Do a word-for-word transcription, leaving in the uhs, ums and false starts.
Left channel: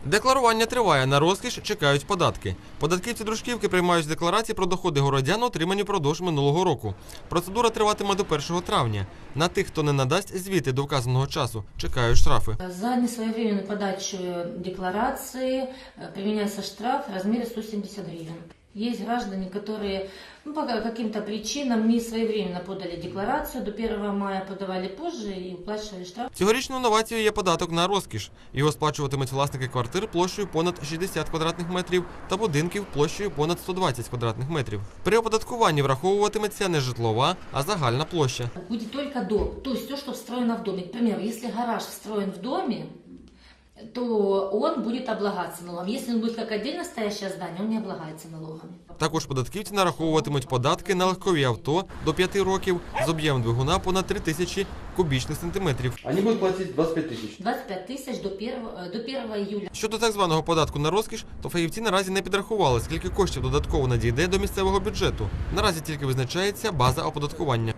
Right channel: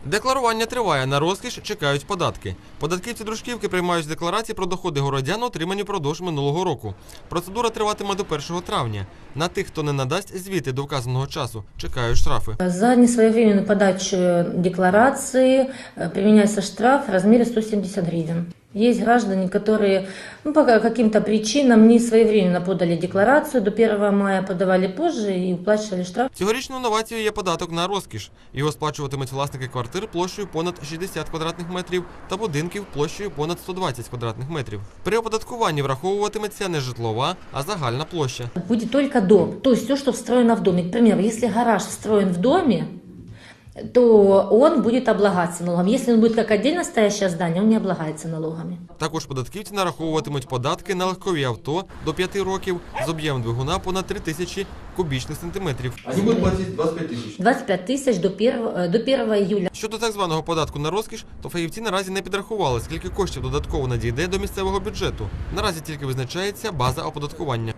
Декларування триває, на розкіш чекають податки. Податківці Дружківки приймають декларації про доходи городян, отримані впродовж минулого року. Процедура триватиме до першого травня. На тих, хто не надасть звіти до вказаного часу, чекають штрафи. За несвоевременную подачу декларации применяется штраф в размере сто семьдесят гривен. Есть граждане, которые ну, по каким-то причинам не своевременно подали декларацию, до первого мая подавали позже и уплачивали штраф. Цьогорічною новацією є податок на розкіш. Його сплачуватимуть власники квартир площею понад шістдесят квадратних метрів та будинків площею понад сто двадцять квадратних метрів. При оподаткуванні враховуватиметься не житлова, а загальна площа. Будет только дом, то есть все, что встроено в доме. К примеру, если гараж встроен в доме, то он будет облагаться налогом. Если он будет как отдельно стоящее здание, он не облагается налогами. Також податківці нараховуватимуть податки на легкові авто до п'яти років з об'ємом двигуна понад три тисячі кубічних сантиметрів. Вони будуть платити двадцять п'ять тисяч. двадцать пять тысяч до первого, до первого июля. Щодо так званого податку на розкіш, то фахівці наразі не підрахували, скільки коштів додатково надійде до місцевого бюджету. Наразі тільки визначається база оподаткування.